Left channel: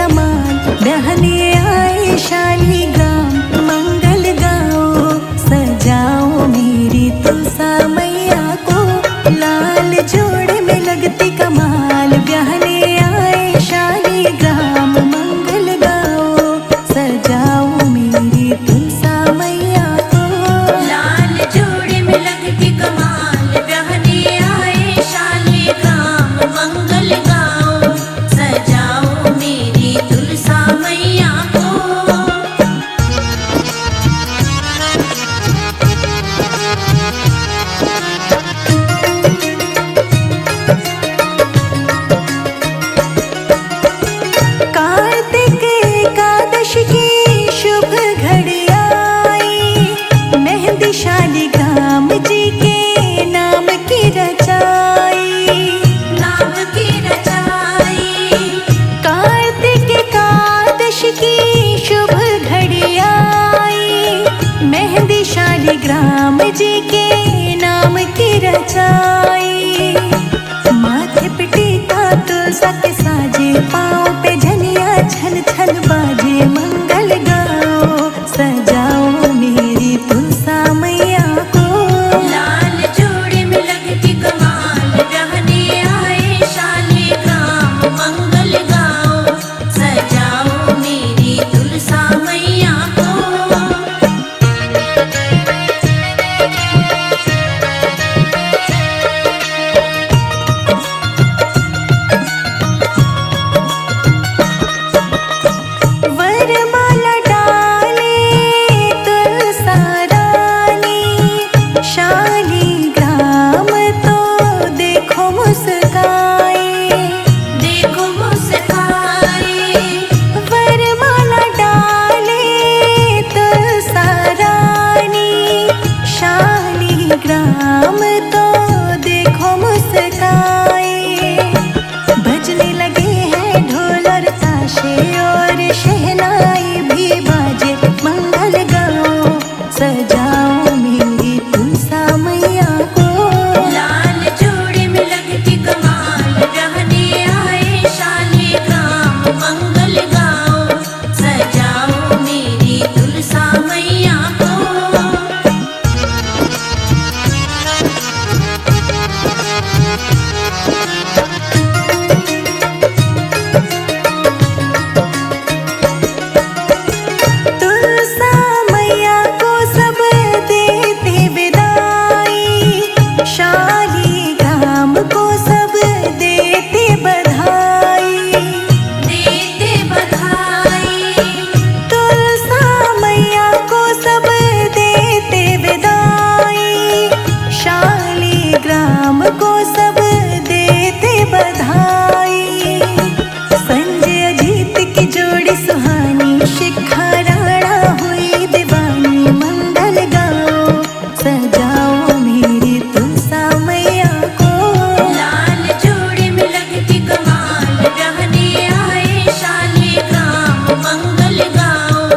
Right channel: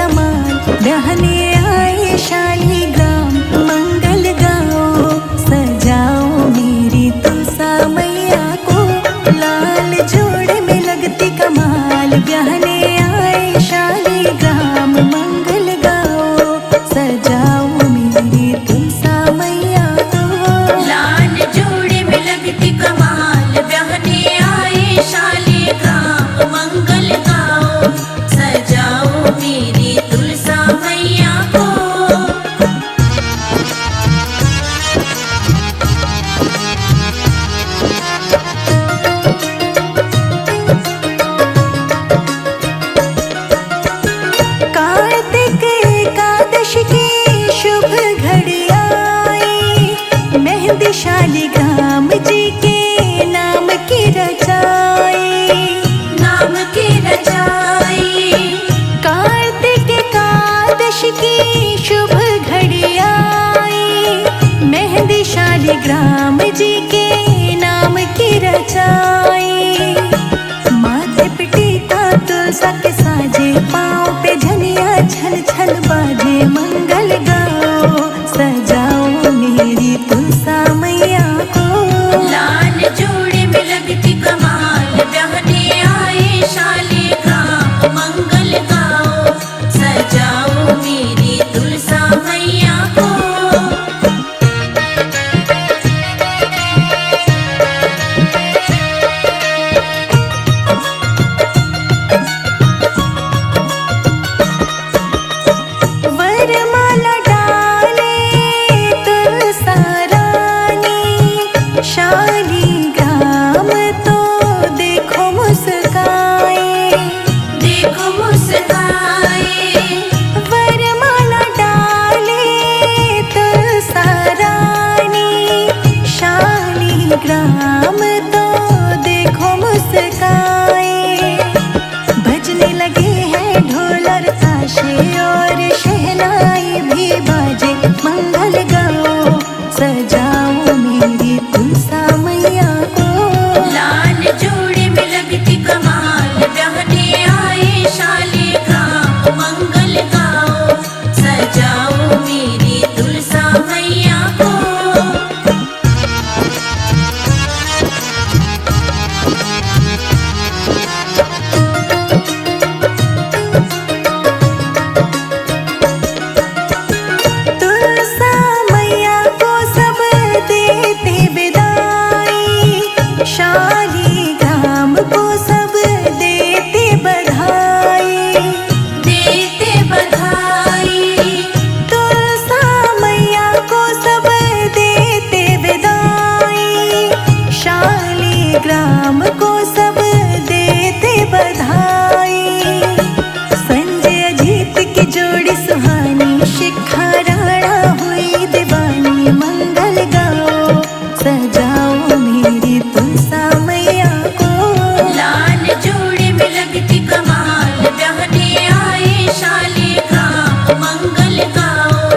कमाल, बहने आए शालीग्राम, मंगल गाओ सजाओ मेरी तुलसा मैया को। लाल जोड़े में लगती कमाल, बहने आए शालीग्राम, मंगल गाओ सजाओ मेरी तुलसा मैया को। लाल जोड़े में लगती कमाल, बहने आए शालीग्राम, मंगल गाओ सजाओ मेरी तुलसा मैया को। कार्तिक एकादशी की शुभ घड़ी आई, मेहंदी शालीग्राम जी के नाम की रचाई, नाम की रचाई। कार्तिक एकादशी की शुभ घड़ी आई, मेहंदी शालीग्राम जी के नाम की रचाई। माथे पे टीका तुलसा के साजे, पाँव पे झनिया छन छन बाजे, मंगल गाओ सजाओ मेरी तुलसा मैया को। लाल जोड़े में लगती कमाल, बहने आए शालीग्राम, मंगल गाओ सजाओ मेरी तुलसा मैया को। वरमाला डाले तुलसा रानी, शालीग्राम तो देखो मुस्काए, देखो मुस्काए। वरमाला डाले तुलसा रानी, शालीग्राम तो देखो मुस्काए। बजने लगे हैं ढोल और ताशे और शहनाई भी बाजे, मंगल गाओ सजाओ मेरी तुलसा मैया को। लाल जोड़े में लगती कमाल, बहने आए शालीग्राम, मंगल गाओ सजाओ मेरी तुलसा मैया को। तुलसा मैया को सब देते विदाई, शालीग्राम को सब देते बधाई, देते बधाई। तुलसा मैया को सब देते विदाई, शालीग्राम को सब देते बधाई। संजय अजीत की जोड़ी सुहानी, शिखा राणा हुई दीवानी, मंगल गाओ सजाओ मेरी तुलसा मैया को। लाल जोड़े में लगती कमाल, बहने आए शालीग्राम, मंगल गाओ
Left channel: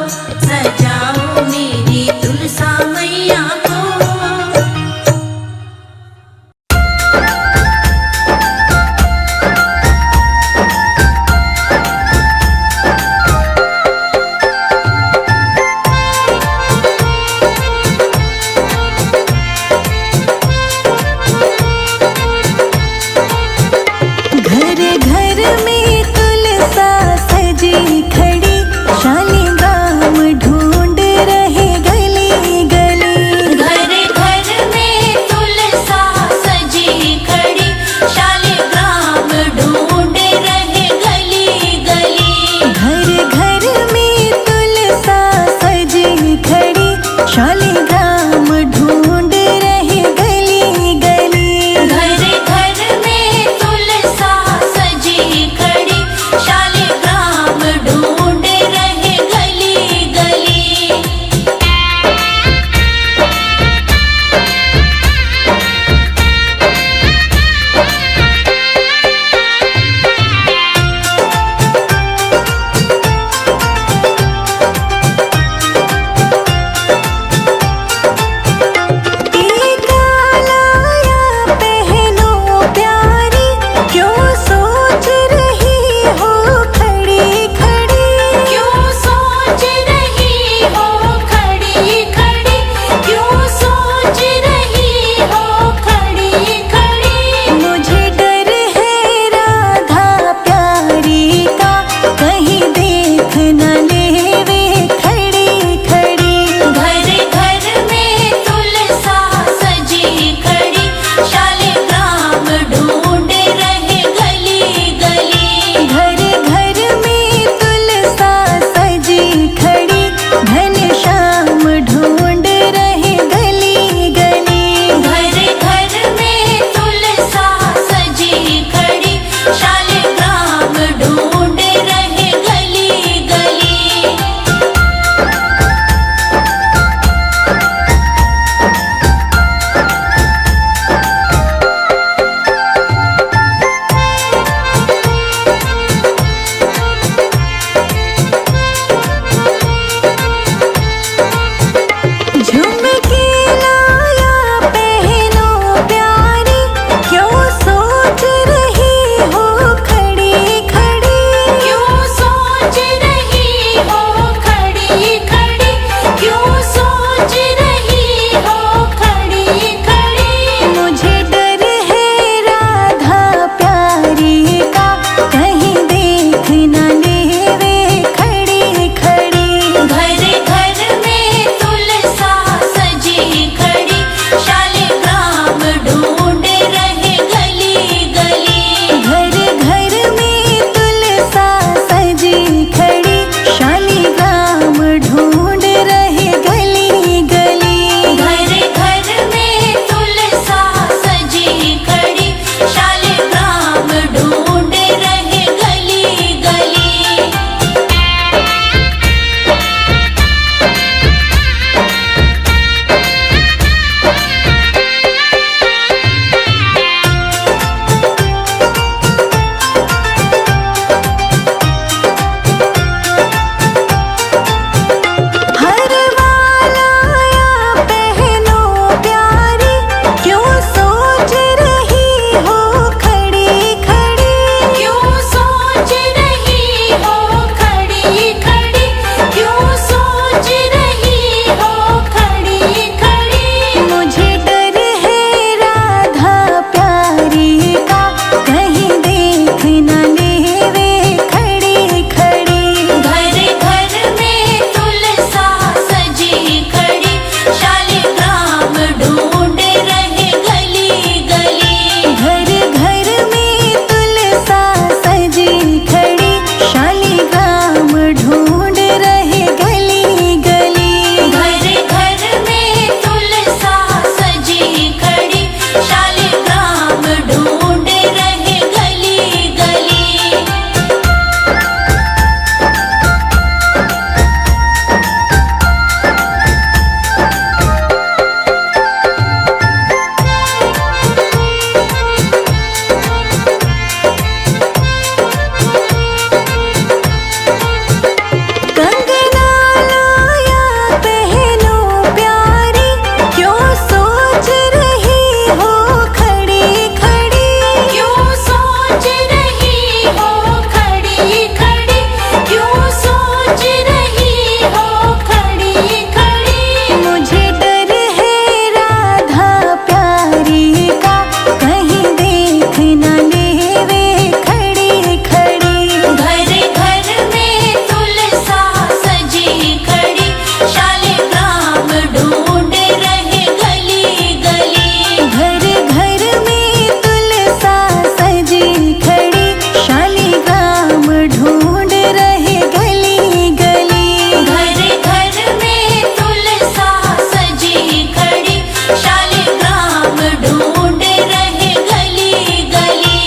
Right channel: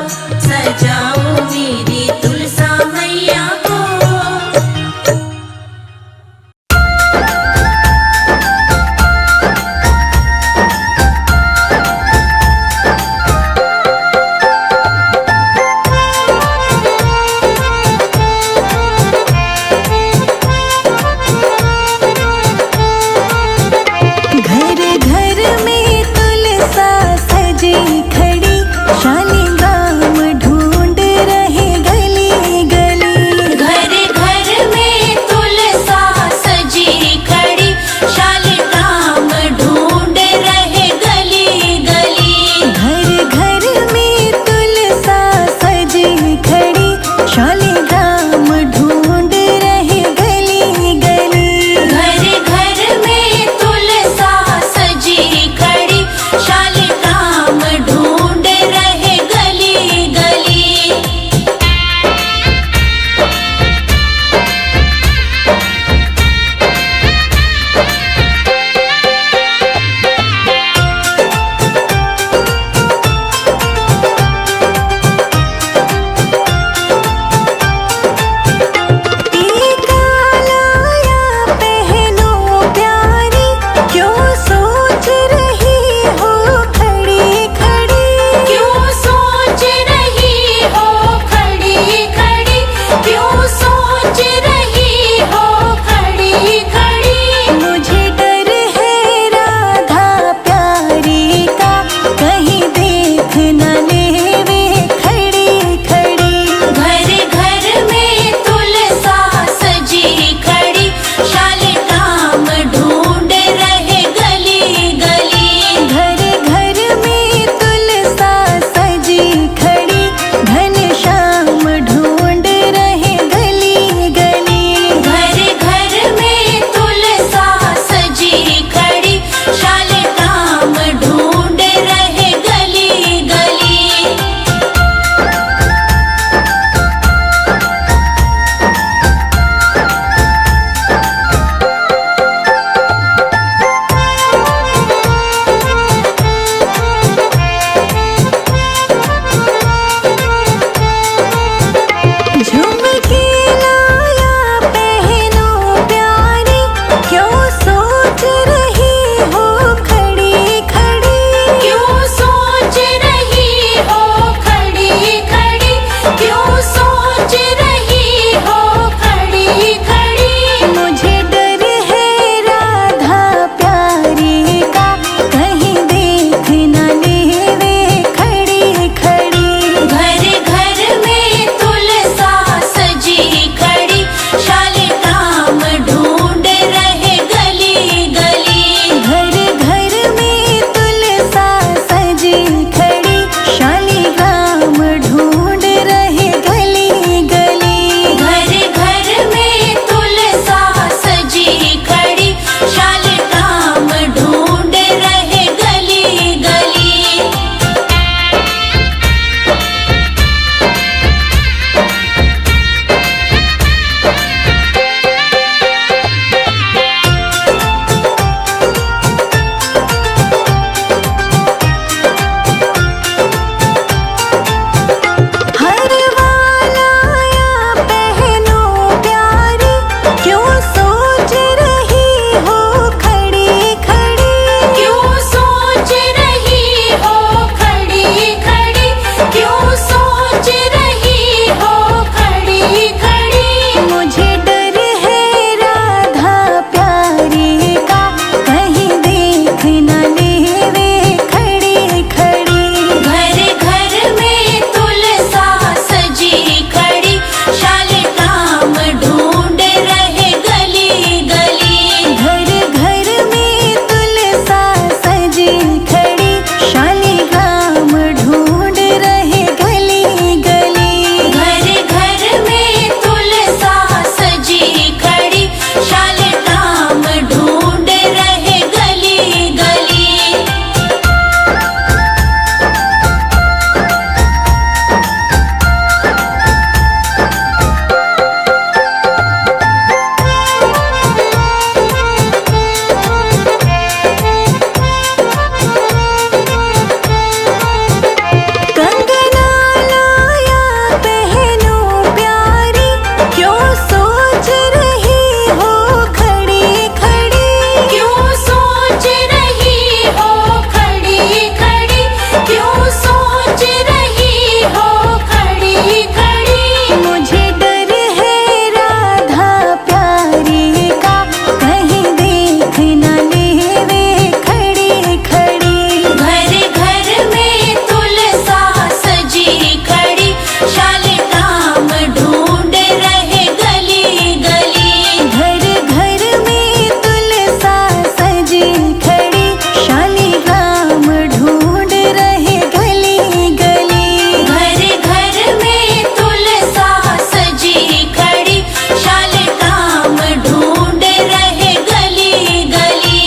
सजाओ मेरी तुलसा मैया को। घर घर में तुलसा सजी खड़ी, शालीग्राम ढूंढ रहे गली गली। घर घर में तुलसा सजी खड़ी, शालीग्राम ढूंढ रहे गली गली। घर घर में तुलसा सजी खड़ी, शालीग्राम ढूंढ रहे गली गली। घर घर में तुलसा देख न लेवे खड़ी खड़ी। घर घर में तुलसा सजी खड़ी, शालिग्राम ढूंढ रहे गली गली। घर घर में तुलसा सजी खड़ी, शालिग्राम ढूंढ रहे गली गली। घर घर में तुलसा सजी खड़ी, शालिग्राम ढूंढ रहे गली गली।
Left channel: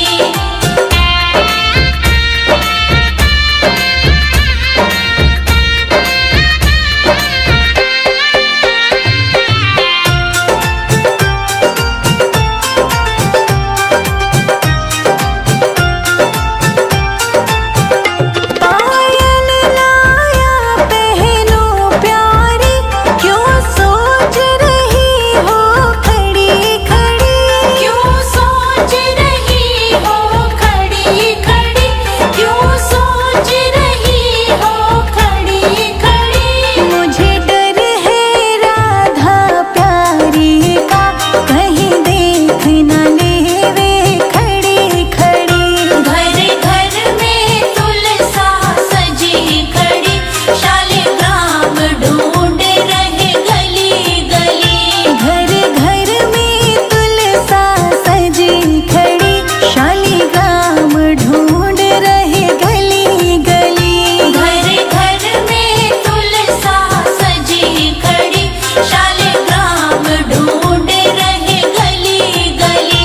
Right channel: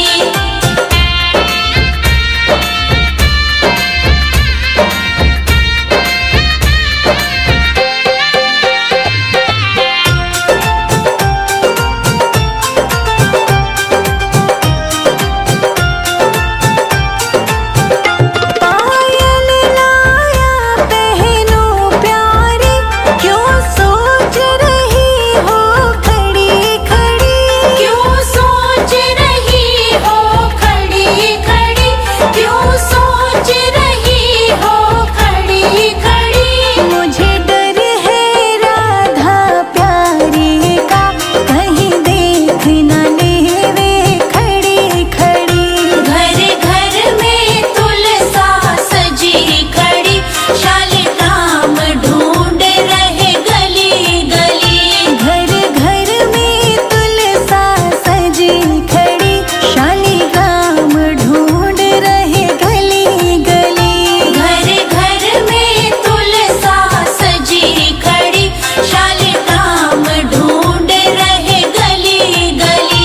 पायल लाया पहनो प्यारी, क्यों सोच रही हो खड़ी खड़ी। क्यों सोच रही हो खड़ी खड़ी, क्यों सोच रही हो खड़ी खड़ी। मुझे डर है राधा प्यारी का, कहीं देख न लेवे खड़ी खड़ी। घर घर में तुलसा सजी खड़ी, शालिग्राम ढूंढ रहे गली गली। घर घर में तुलसा सजी खड़ी, शालिग्राम ढूंढ रहे गली गली। घर घर में तुलसा सजी खड़ी, शालिग्राम ढूंढ रहे गली गली।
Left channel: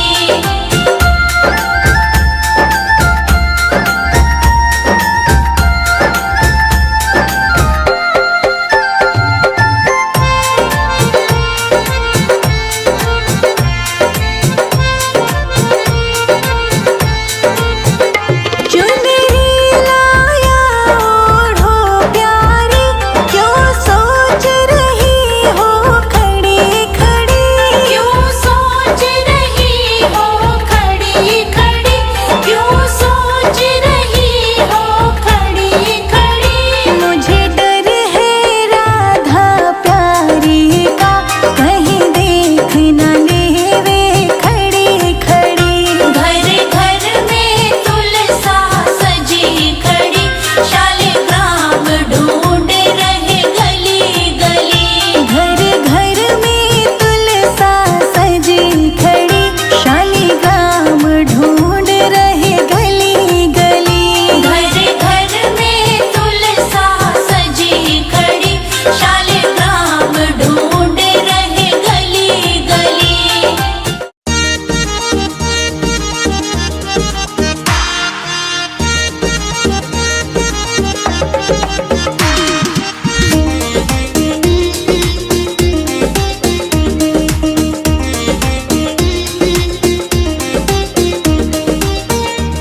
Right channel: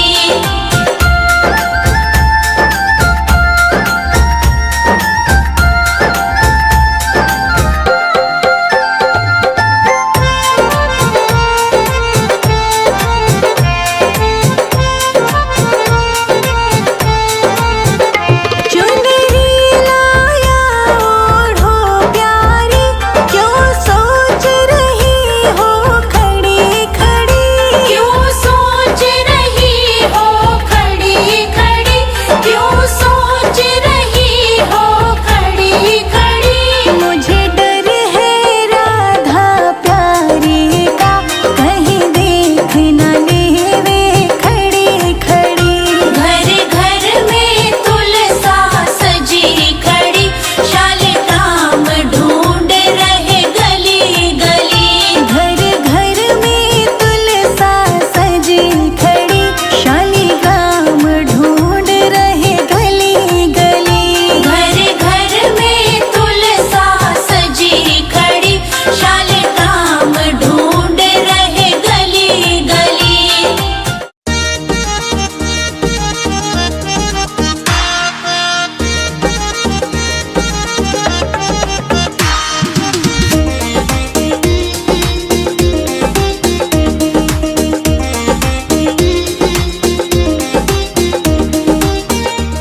चुनरी लाया ओढ़ो प्यारी, क्यों सोच रही हो खड़ी खड़ी। क्यों सोच रही हो खड़ी खड़ी, क्यों सोच रही हो खड़ी खड़ी। मुझे डर है राधा प्यारी का, कहीं देख न लेवे खड़ी खड़ी। घर घर में तुलसा सजी खड़ी, शालिग्राम ढूंढ रहे गली गली। घर घर में तुलसा सजी खड़ी, शालिग्राम ढूंढ रहे गली गली। घर घर में तुलसा सजी खड़ी, शालिग्राम ढूंढ रहे गली गली।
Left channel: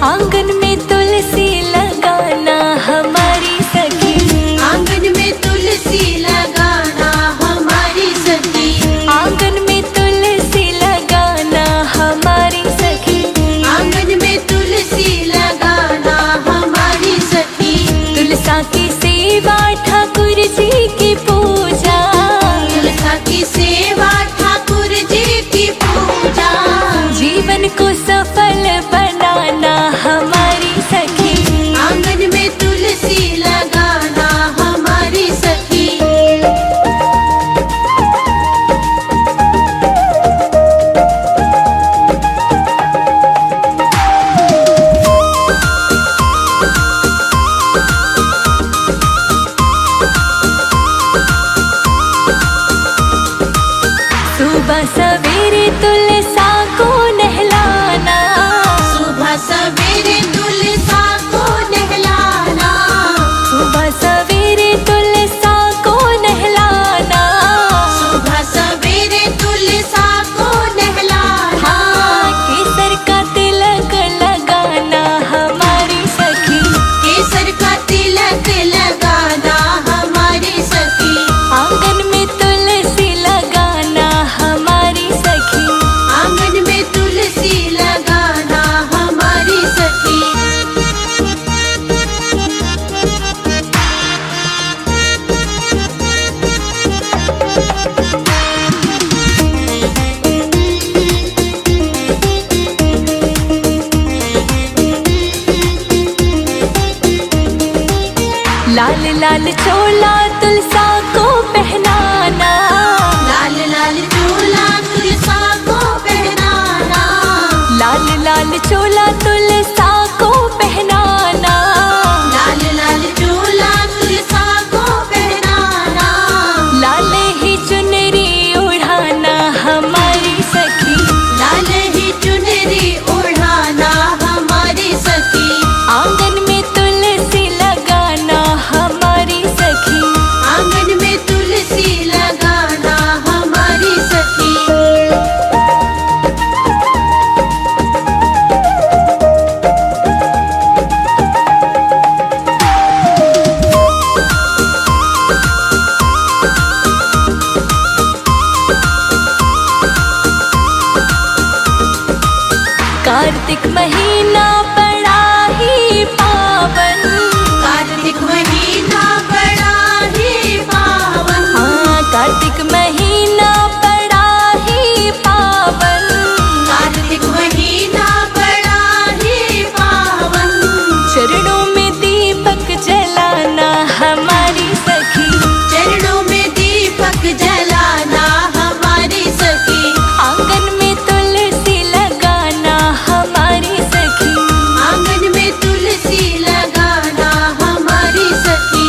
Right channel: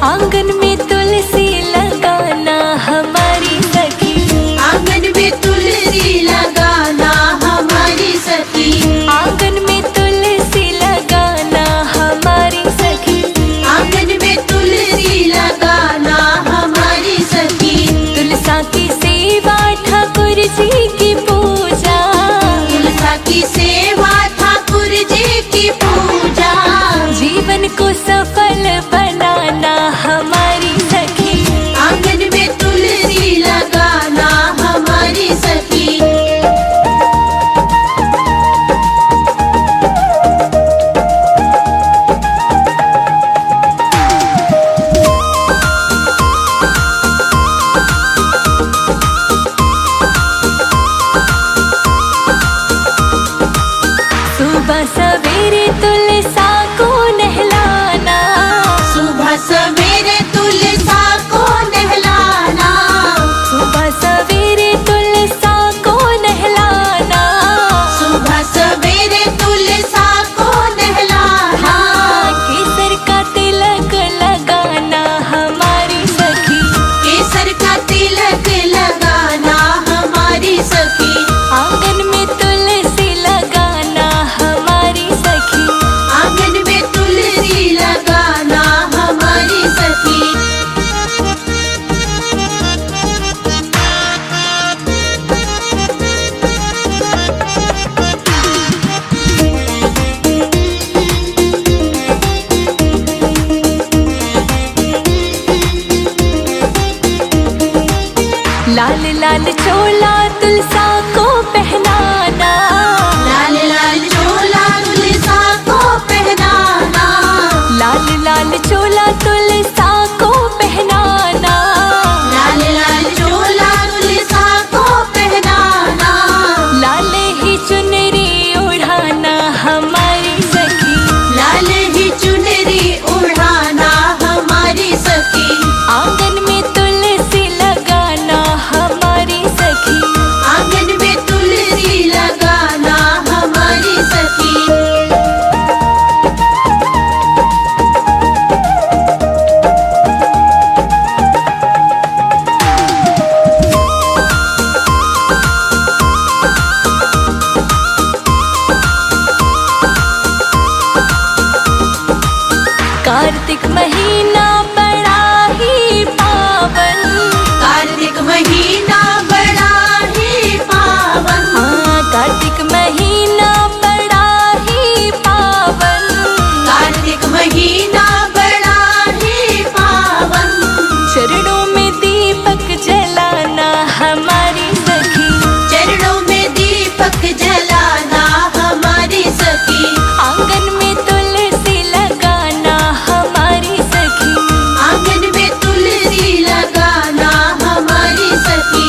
आंगन में तुलसी लगाना हमारी सखी। आंगन में तुलसी लगाना हमारी सखी। आंगन में तुलसी लगाना हमारी सखी। आंगन में तुलसी लगाना हमारी सखी। तुलसा की सेवा ठाकुर जी की पूजा, तुलसा की सेवा ठाकुर जी की पूजा। जीवन को सफल बनाना हमारी सखी। आंगन में तुलसी लगाना हमारी सखी। सुबह सवेरे तुलसा को नहलाना, सुबह लाल चोला तुलसा को पहनाना, लाल लाल चोला तुलसा को पहनाना, लाल लाल चोला तुलसा को पहनाना, लाल लाल चोला तुलसा को पहनाना, लाल ही चुनरी ओढ़ाना हमारी सखी, लाल ही चुनरी ओढ़ाना हमारी सखी, आंगन में तुलसी लगाना हमारी सखी, आंगन में तुलसी लगाना हमारी सखी। कार्तिक महीना बड़ा ही पावन, कार्तिक महीना बड़ा ही पावन, हाँ कार्तिक महीना बड़ा ही पावन, कार्तिक महीना बड़ा ही पावन, चरणों में दीपक जलाना हमारी सखी, चरणों में दीपक जलाना हमारी सखी, आंगन में तुलसी लगाना हमारी सखी, आंगन में तुलसी लगाना हमारी सखी।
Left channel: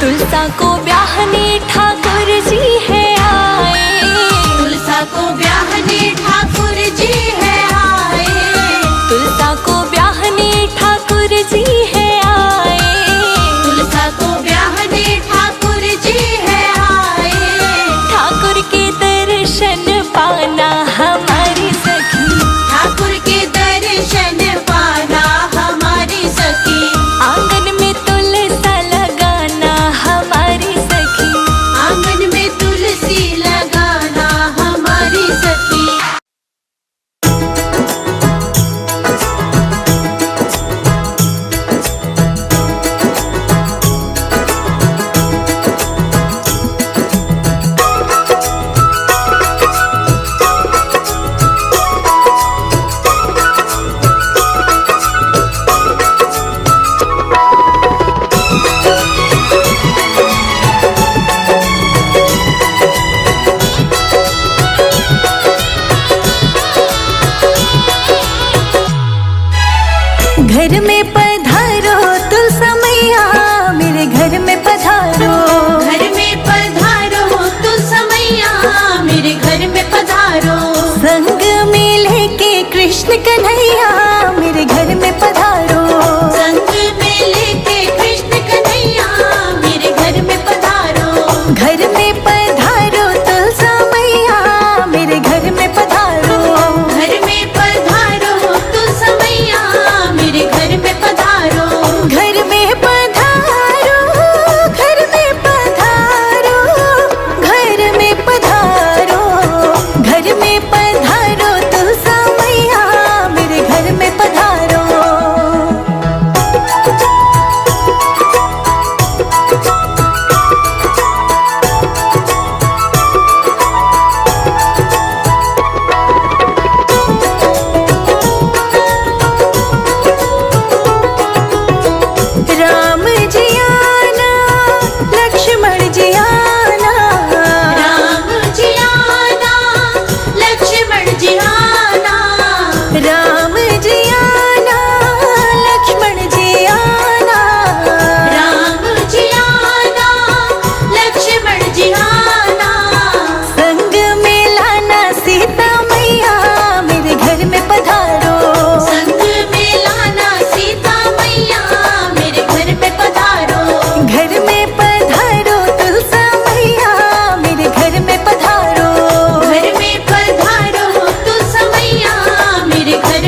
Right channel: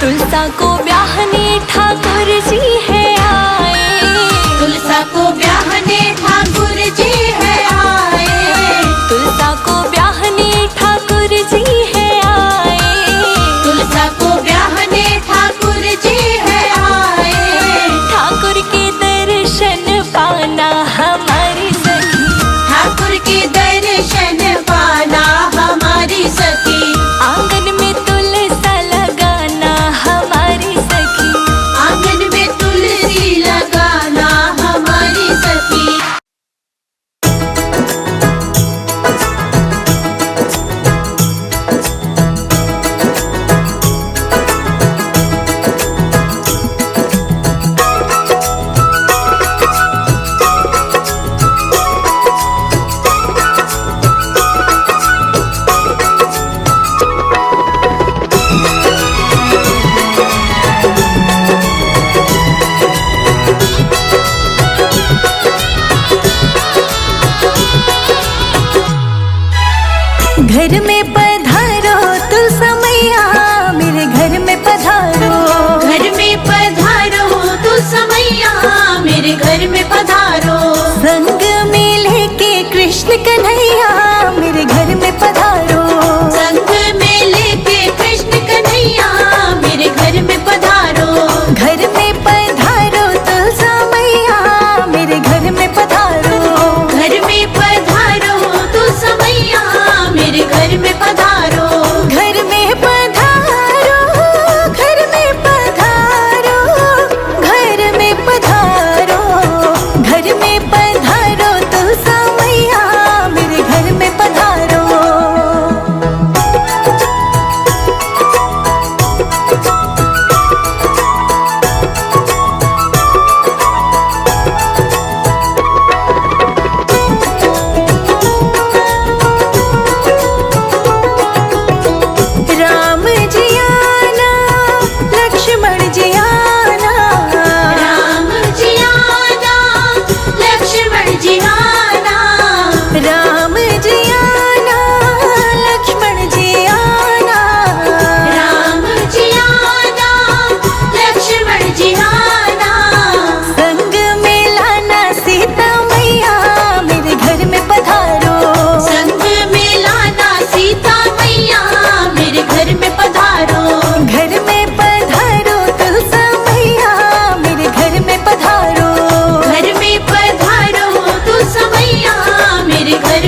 तुलसा को ब्याहने ठाकुर जी है आए, तुलसा को ब्याहने ठाकुर जी है आए, तुलसा को ब्याहने ठाकुर जी है आए, तुलसा को ब्याहने ठाकुर जी है आए, ठाकुर के दर्शन पाना हमारी सखी, ठाकुर के दर्शन पाना हमारी सखी, आंगन में तुलसा लगाना हमारी सखी, आंगन में तुलसी लगाना हमारी सखी। घर में पधारो तुलसा मैया, मेरे घर में पधारो, घर में पधारो तू समैया, मेरे घर में पधारो, संग में लेके कृष्ण कन्हैया, मेरे घर में पधारो, संग में लेके कृष्ण कन्हैया, मेरे घर में पधारो, घर में पधारो तुलसा मैया, मेरे घर में पधारो, घर में पधारो तू समैया, मेरे घर में पधारो, घर में पधारो, घर में पधारो, घर में पधारो, घर में पधारो तुलसा मैया, मेरे घर में पधारो। राम जी आना, लक्ष्मण जी आना, राम जी आना, लक्ष्मण जी आना, राम जी आना, लक्ष्मण जी आना, राम जी आना, लक्ष्मण जी आना, संग में लाना सीता मैया, मेरे घर में पधारो, संग में लाना सीता मैया, मेरे घर में पधारो, घर में पधारो तुलसा मैया, मेरे घर में पधारो, घर में पधारो तू समैया, मेरे घर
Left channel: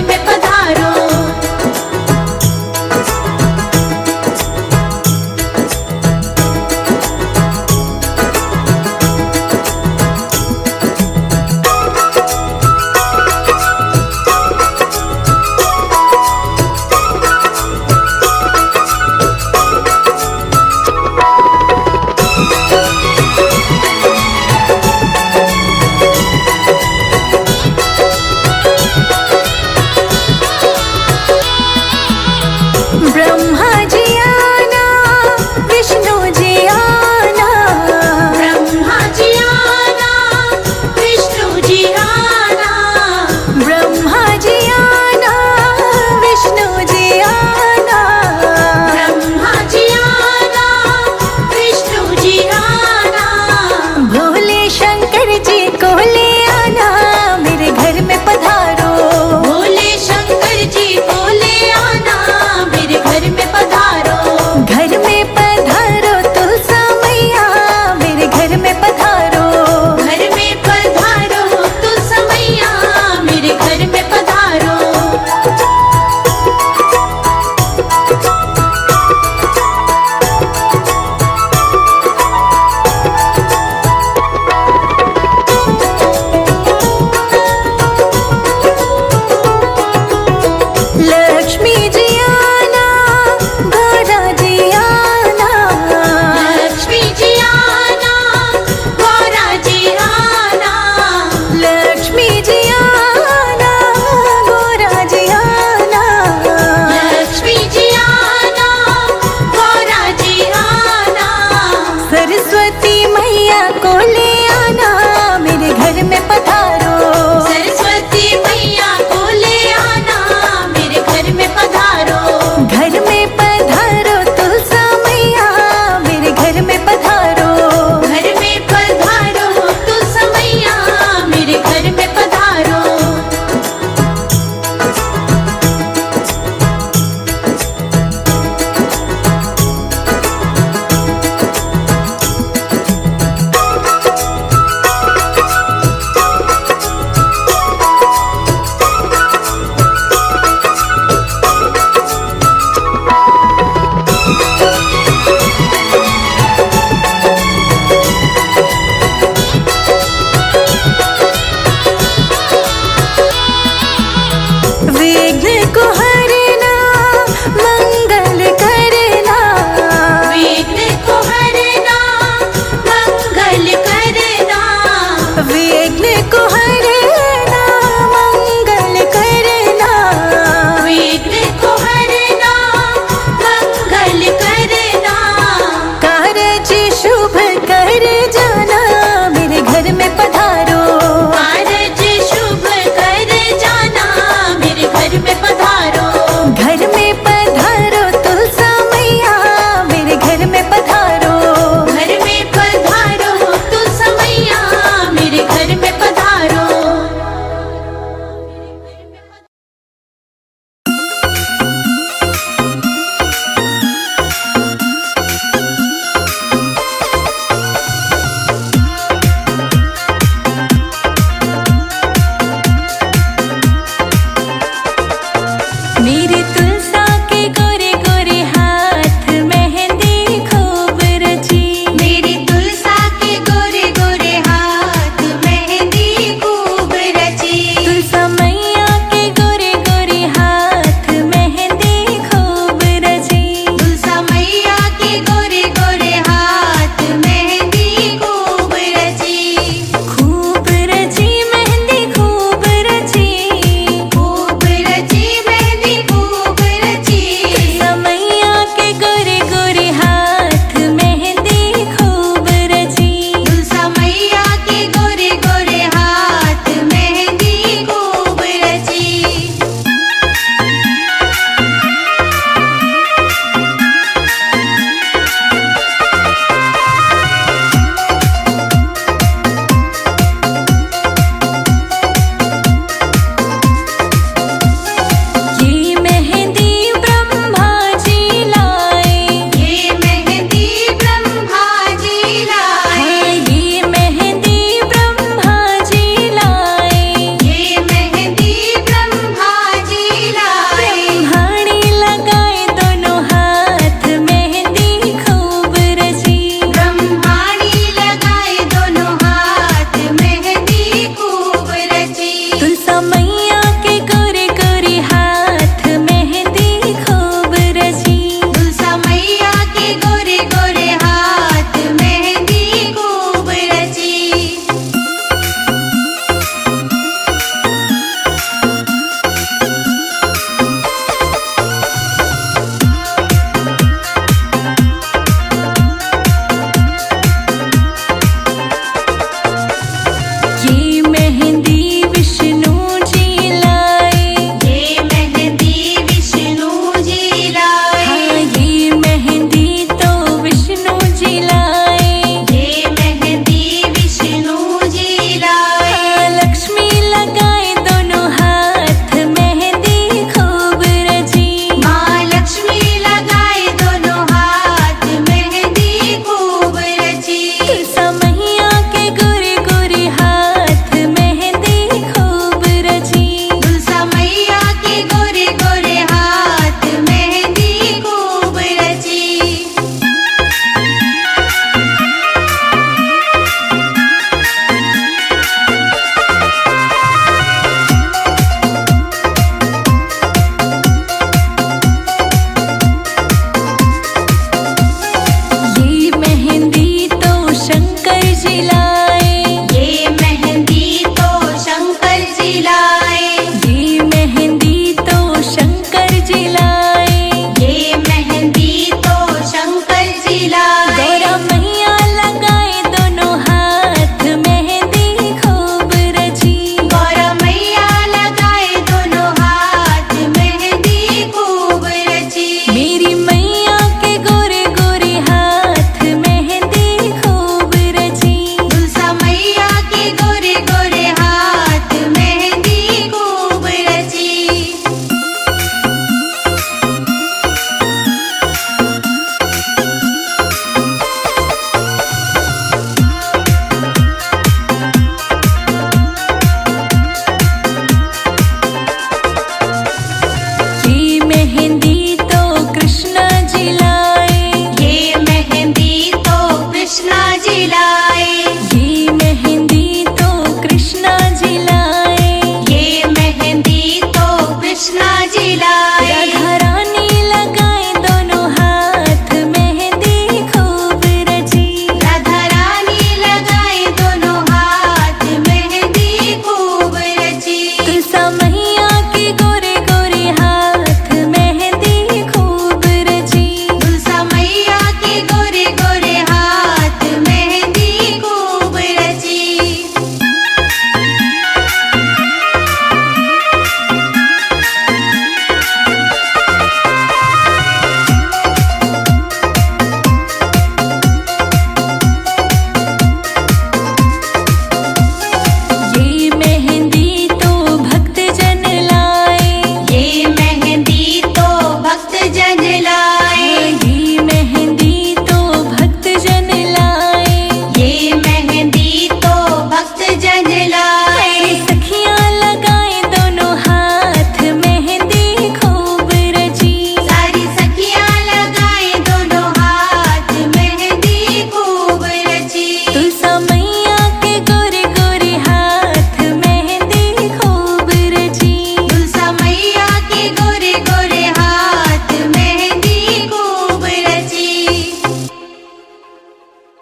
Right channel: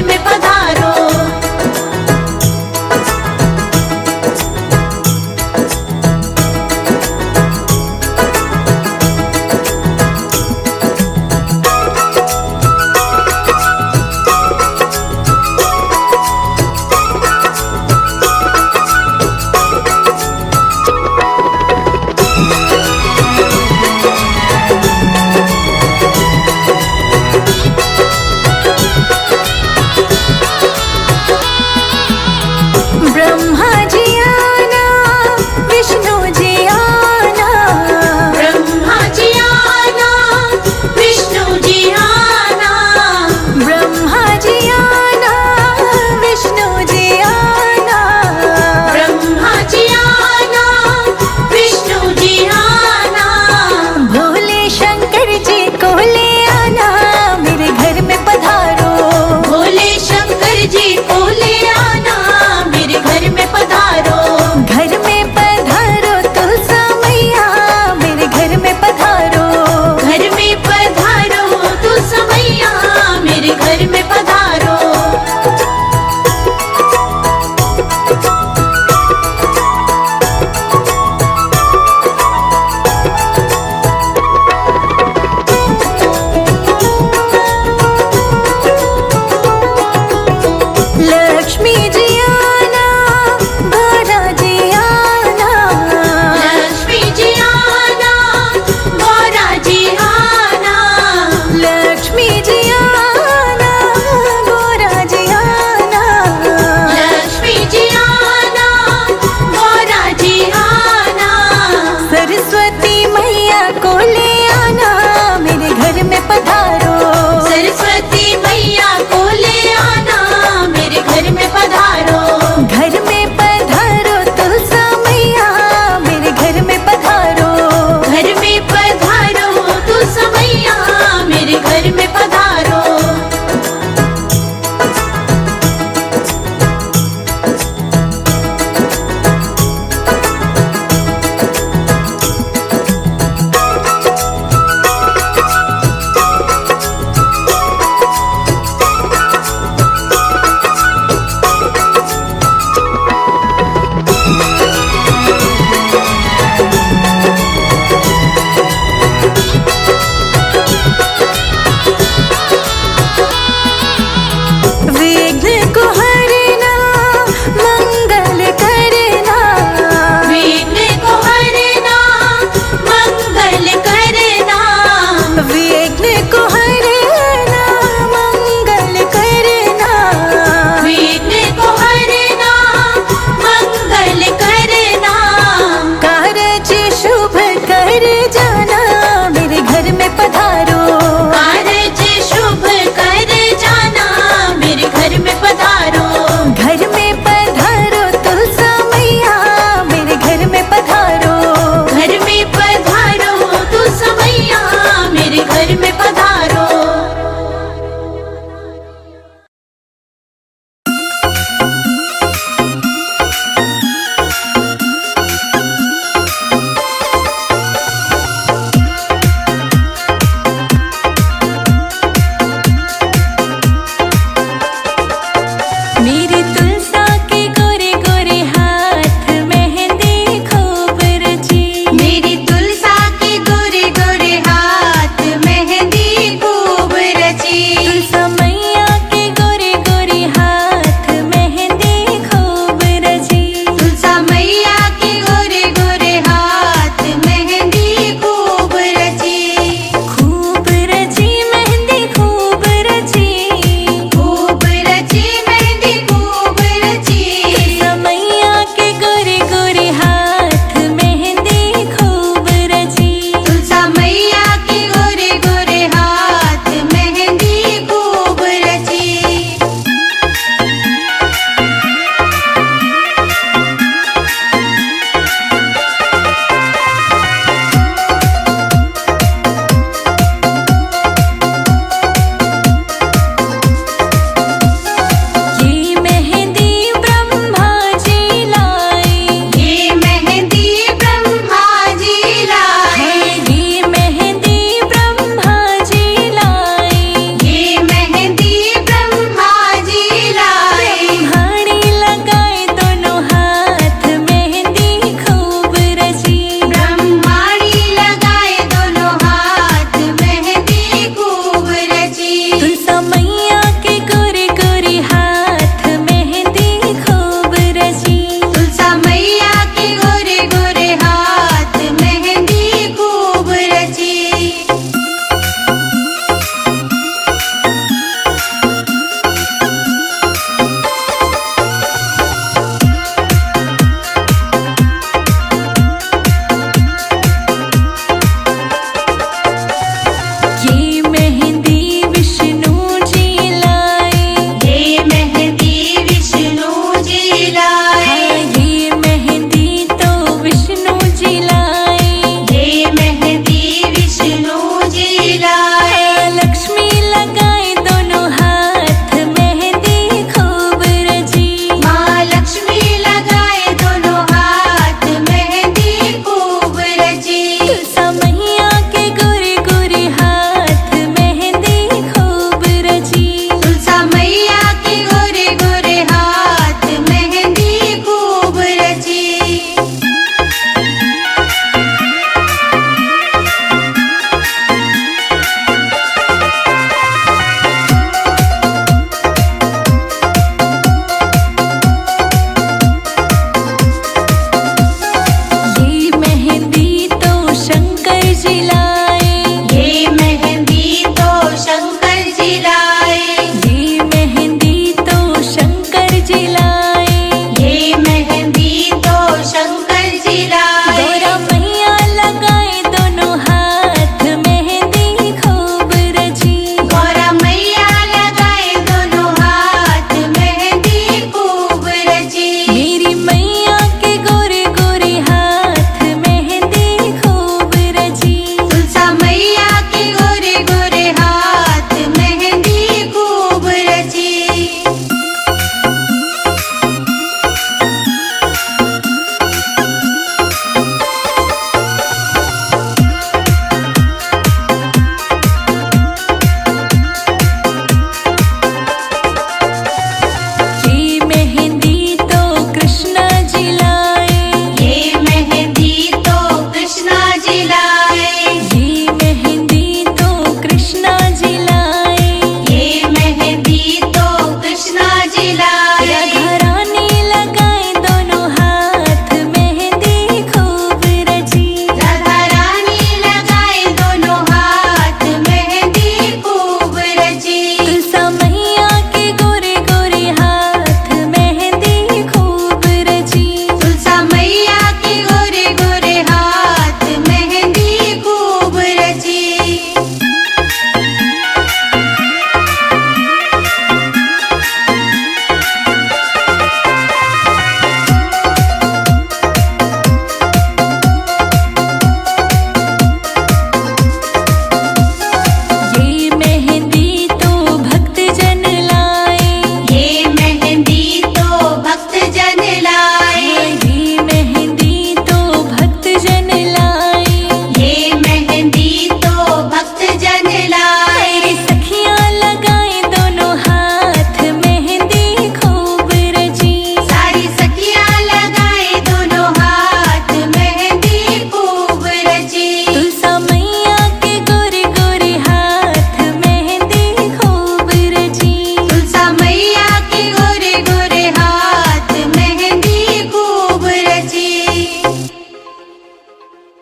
लक्ष्मी जी